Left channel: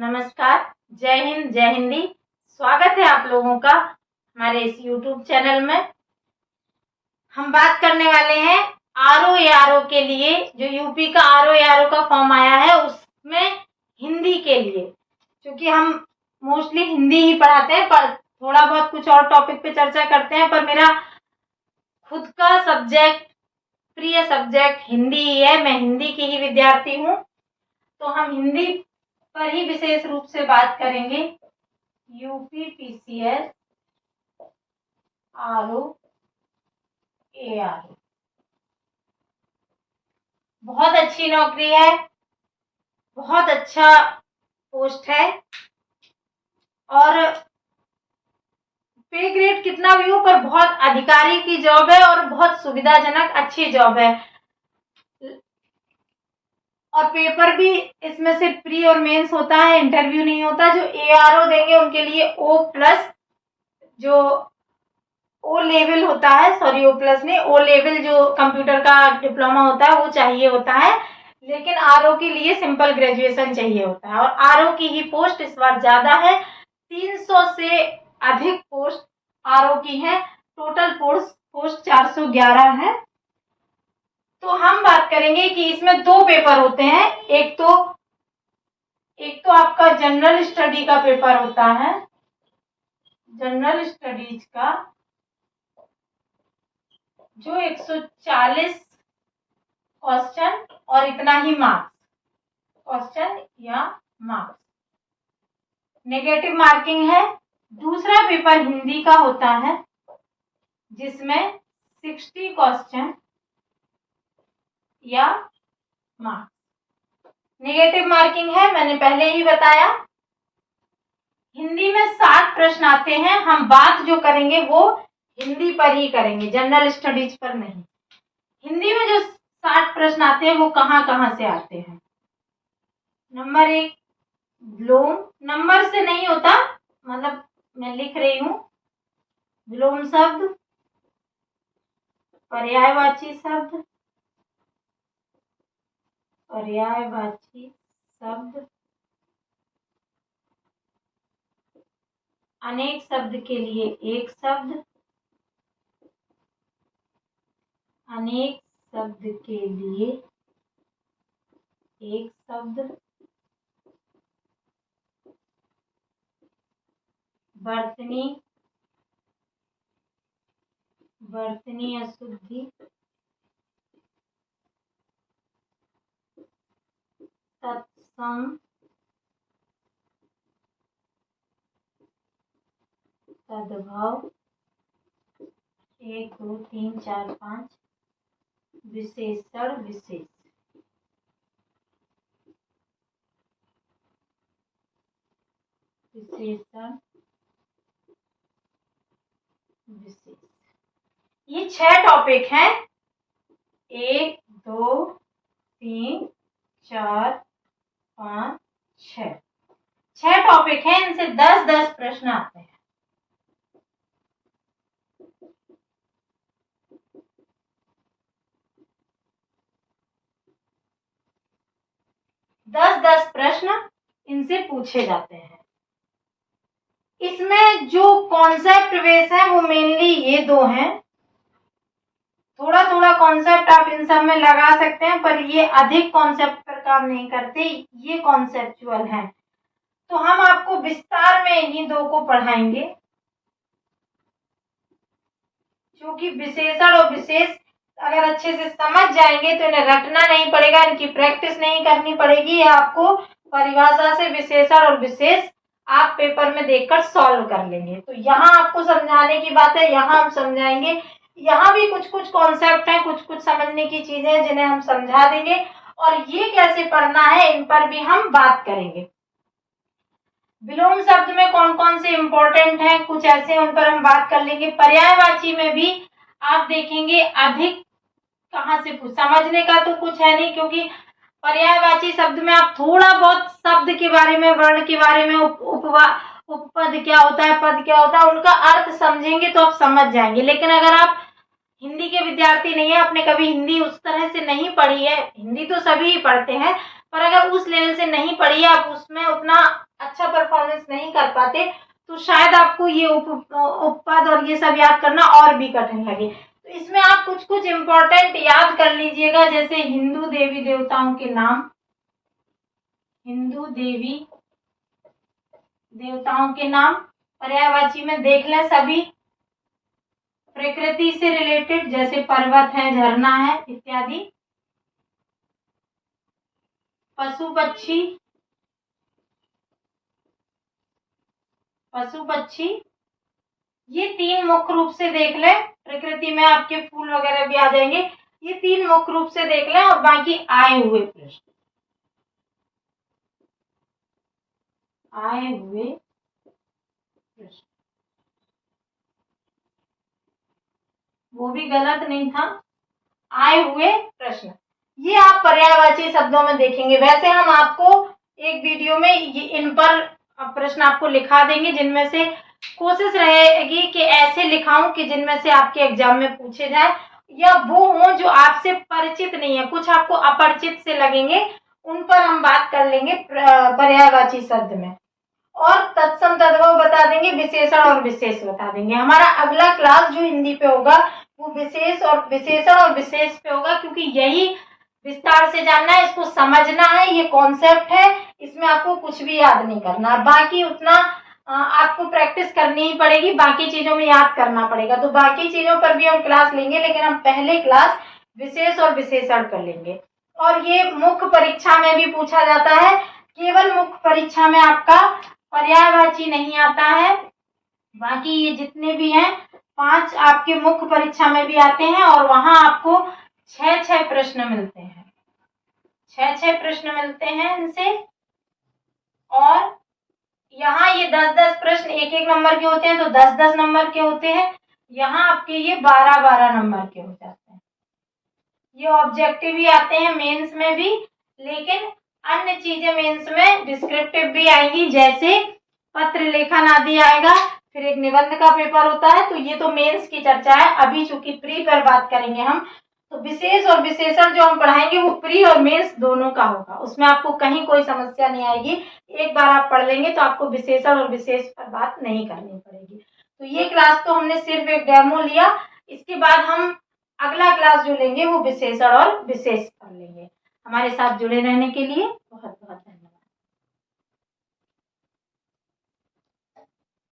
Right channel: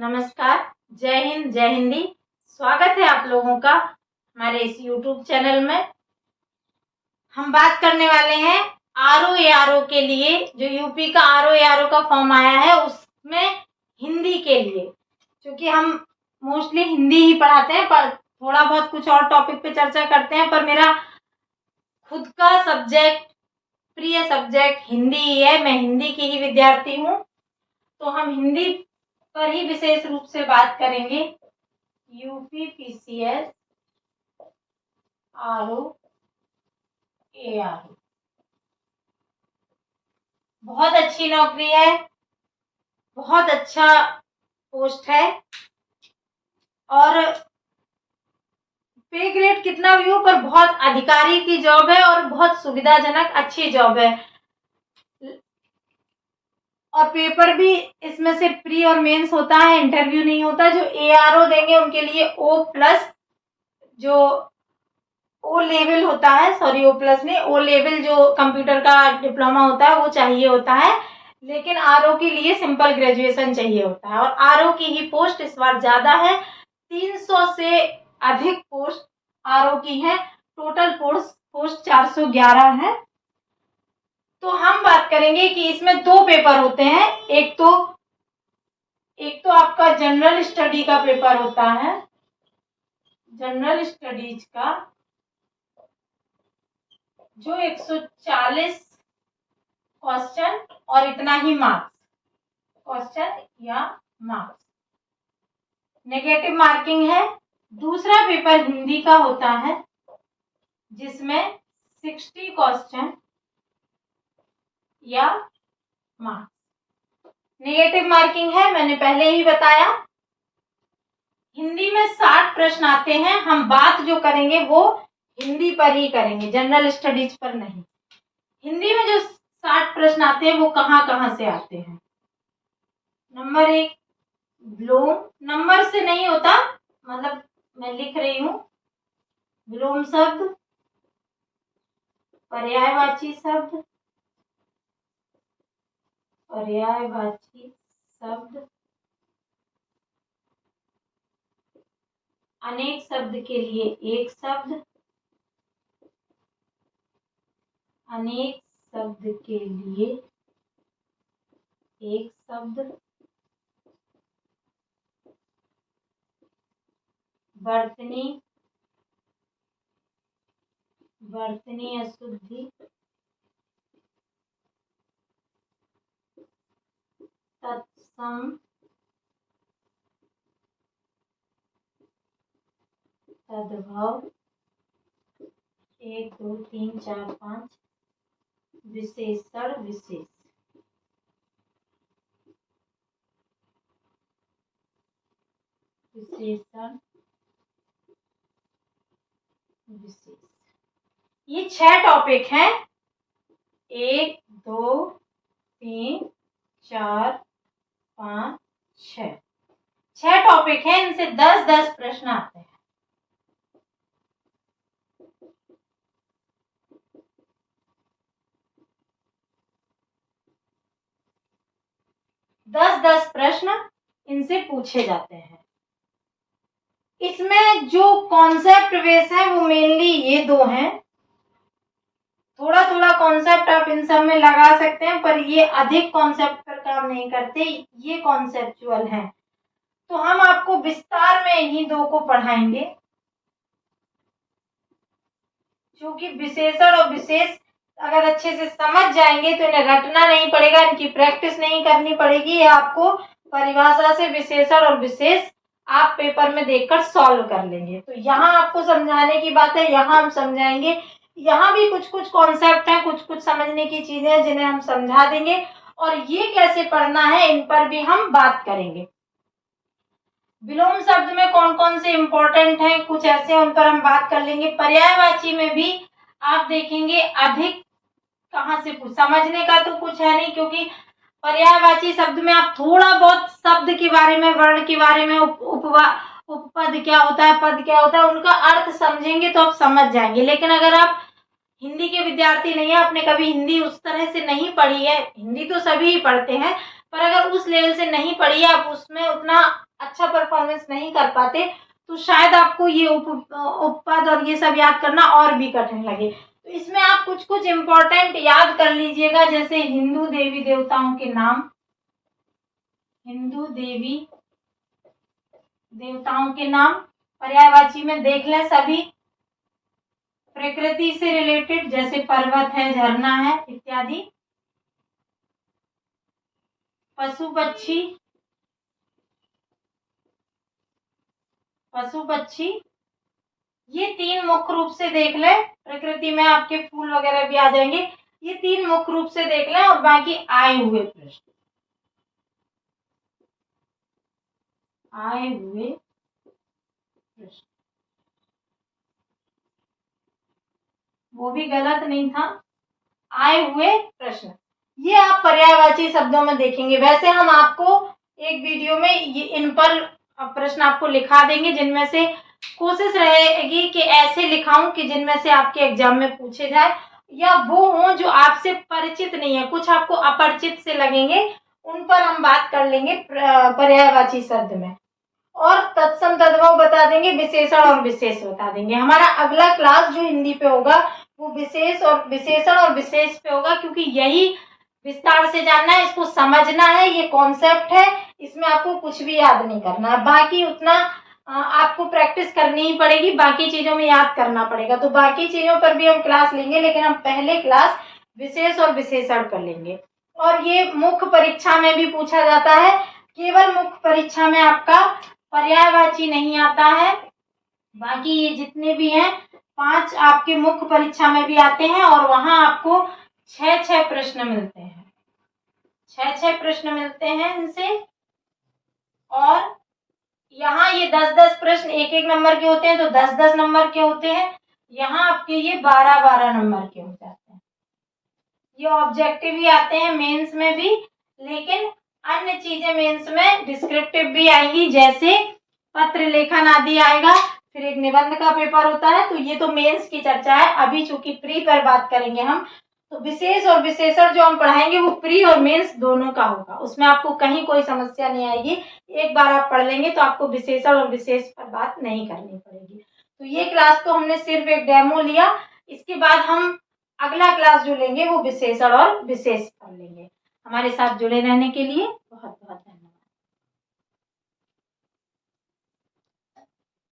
नमस्कार, जय हिंद, जय हिंदी। स्वागत है आप लोगों का हमारे इस YouTube चैनल में। हम बात करने वाले हैं आरओ एआरओ के लिए, जो यूपी का आरओ एआरओ का फॉर्म आया है उसमें हिंदी के लिए, क्योंकि हम मोस्टली हिंदी ही पढ़ाते हैं, पर थोड़ा बहुत कुछ और टॉपिक पे चर्चा करते हैं। पर मेरा खुद का सब्जेक्ट, प्रिय सब्जेक्ट हिंदी ही है। मैं हिंदी की ही विद्यार्थी हूँ, तो हम हिंदी पर ही विशेष रूप से बात करेंगे। यूपी पीसीएस आरओ एआरओ बहुत अच्छी नौकरी है, बहुत अच्छा पोस्ट है, और पे ग्रेड कितना भी हो पर बहुत अधिकारी की जॉब है और बहुत सुविधाजनक अच्छी जॉब है। और पेपर भी इसमें से प्री और मेंस होता है, इंटरव्यू नहीं होता। जो एआरओ देंगे उनके लिए O+ जो ओ लेवल होता है, सॉरी O+ नहीं, O लेवल जो कंप्यूटर का डिप्लोमा होता है वो चाहिए होता है, लेकिन आरओ के लिए सिंपल ग्रेजुएशन चाहिए होता है। और आरओ की ही पोस्ट इस बार ज्यादा है, 300 से अधिक पोस्ट आरओ की है। टोटल पोस्ट 411 है। तो हम बात करेंगे कि इसमें दो पेपर होते हैं। एक तो आपका जनरल स्टडी का पेपर होता है, जनरल स्टडीज का, जो 140 क्वेश्चन और इतना ही मार्क्स, क्वेश्चन या मार्क्स, नेगेटिव मार्किंग है। दूसरा पेपर हिंदी का होता है, जिसमें 60 क्वेश्चन या मार्क्स, नेगेटिव मार्किंग है। मैंने पहले ही बताया। हिंदी में 60 प्रश्न आते हैं। हम बात जो करेंगे वो हिंदी पर ही करेंगे, जनरल स्टडीज पर नहीं। हिंदी में जो 60 प्रश्न आते हैं वो कहाँ कहाँ से आते हैं। नंबर 1, विलोम। नंबर से नहीं होता, मतलब मैं लिख रही हूं, विलोम शब्द, पर्यायवाची शब्द, पर्यायवाची शब्द, अनेक शब्द के लिए एक शब्द, अनेक शब्द के लिए एक शब्द, वर्तनी, वर्तनी अशुद्धि, तत्सम, तद्भव, 1 2 3 4 5, विशेषण, विशेष, विशेषण, विशेष। ये 6 टॉपिक हैं। 1 2 3 4 5 6 टॉपिक हैं। इनसे 10-10 प्रश्न आते हैं। दस प्रश्न इनसे पूछे जाते हैं। इसमें जो कॉन्सेप्ट बेस है वो मेनली ये 2 हैं। थोड़ा थोड़ा कॉन्सेप्ट आप इन सब में लगा सकते हैं, पर ये अधिक कॉन्सेप्ट पर काम नहीं करते, ये कॉन्सेप्चुअल है। तो हम आपको विस्तार में इन्हीं 2 को पढ़ाएंगे, क्योंकि विशेषण और विशेष अगर अच्छे से समझ जाएंगे तो इन्हें रटना नहीं पड़ेगा, इनकी प्रैक्टिस नहीं करनी पड़ेगी। आपको परिभाषा से विशेषण और विशेष आप पेपर में देखकर सॉल्व कर लेंगे। तो यहाँ आपको समझाने की बात है, यहाँ हम समझाएंगे। यहाँ भी कुछ कुछ कॉन्सेप्ट हैं, कुछ कुछ समझने की चीजें हैं जिन्हें हम समझा देंगे, और ये कैसे पढ़ना है इन पर भी हम बात करेंगे। विलोम शब्द में कौन कौन से इंपॉर्टेंट हैं, कुछ ऐसे उन पर हम बात कर लेंगे। पर्यायवाची में भी आप देखेंगे अधिक कहाँ से समझने का तो कुछ है नहीं, क्योंकि पर्यायवाची शब्द में आप थोड़ा बहुत शब्द के बारे में, वर्ण के बारे में, उपपद क्या होता है, पद क्या होता है, उनका अर्थ समझेंगे तो आप समझ जाएंगे। लेकिन अगर आप हिंदी के विद्यार्थी नहीं है, आपने कभी हिंदी उस तरह से नहीं पढ़ी है, हिंदी तो सभी ही पढ़ते हैं, पर अगर उस लेवल से नहीं पढ़ी, आप उसमें उतना अच्छा परफॉर्मेंस नहीं कर पाते, तो शायद आपको ये उपपद और ये सब याद करना और भी कठिन लगे। तो इसमें आप कुछ कुछ इम्पोर्टेंट याद कर लीजिएगा, जैसे हिंदू देवी देवताओं के नाम, हिंदू देवी देवताओं के नाम पर्यायवाची में देख लें सभी। प्रकृति से रिलेटेड जैसे पर्वत है, झरना है इत्यादि। पशु पक्षी, पशु पक्षी ये 3 मुख्य रूप से देख लें। प्रकृति में आपके फूल वगैरह भी आ जाएंगे। ये 3 मुख्य रूप से देख लें और बाकी आए हुए प्रश्न, आए हुए प्रश्न, वो भी गलत नहीं था, आए हुए प्रश्न, ये आप पर्यायवाची शब्दों में देखेंगे। वैसे हम आपको एक वीडियो में ये इन पर प्रश्न आपको लिखा देंगे, जिनमें से कोशिश रहेगी कि ऐसे लिखाऊं कि जिनमें से आपके एग्जाम में पूछे जाए, या वो हों जो आपसे परिचित नहीं है, कुछ आपको अपरिचित से लगेंगे, उन पर हम बात कर लेंगे पर्यायवाची शब्द में। और तत्सम तद्भव बता देंगे, विशेषण और विशेष बता देंगे। हमारा अगला क्लास जो हिंदी पे होगा वो विशेष और विशेषण और विशेष पे होगा, क्योंकि यही विस्तार से जानना है, इसको समझना है, ये कॉन्सेप्ट है, इसमें आपको कुछ भी याद नहीं करना है। बाकी उतना आपको प्रैक्टिस करनी ही पड़ेगी, बाकी चीजों में याद करना पड़ेगा। तो बाकी चीजों पर भी हम क्लास लेंगे, लेकिन हम पहले क्लास विशेष और विशेषण कर लेंगे। और ये मुख्य परीक्षा में भी पूछा जाता है, केवल मुख्य परीक्षा में आपका पर्यायवाची नहीं आता है, बाकी ये जितने भी हैं 5 आपके मुख्य परीक्षा में भी आते हैं, और वहां आपको 6 प्रश्न मिलते हैं, 6 प्रश्न मिलते हैं इनसे। और यहाँ ये 10-10 प्रश्न 1-1 नंबर के होते हैं, तो 10-10 नंबर के होते हैं। यहाँ आपके ये 12-12 नंबर के हो जाते हैं। ये ऑब्जेक्टिव भी आते हैं मेंस में भी, लेकिन अन्य चीजें मेंस में डिस्क्रिप्टिव भी आएंगी, जैसे पत्र लेखन आदि आएगा, फिर एक निबंध का पेपर होता है। तो ये तो मेंस की चर्चा है, अभी चूंकि प्री पर बात करेंगे हम, तो विशेष और विशेषण जो हम पढ़ाएंगे वो प्री और मेंस दोनों का होगा, उसमें आपको कहीं कोई समस्या नहीं आएगी। एक बार आप पढ़ लेंगे तो आपको विशेषण और विशेष पर बात नहीं करनी पड़ेगी। तो ये क्लास तो हमने सिर्फ एक डेमो लिया, इसके बाद हम अगला क्लास जो लेंगे वो विशेषण और विशेष पर लेंगे। हमारे साथ जुड़े रहने के लिए बहुत बहुत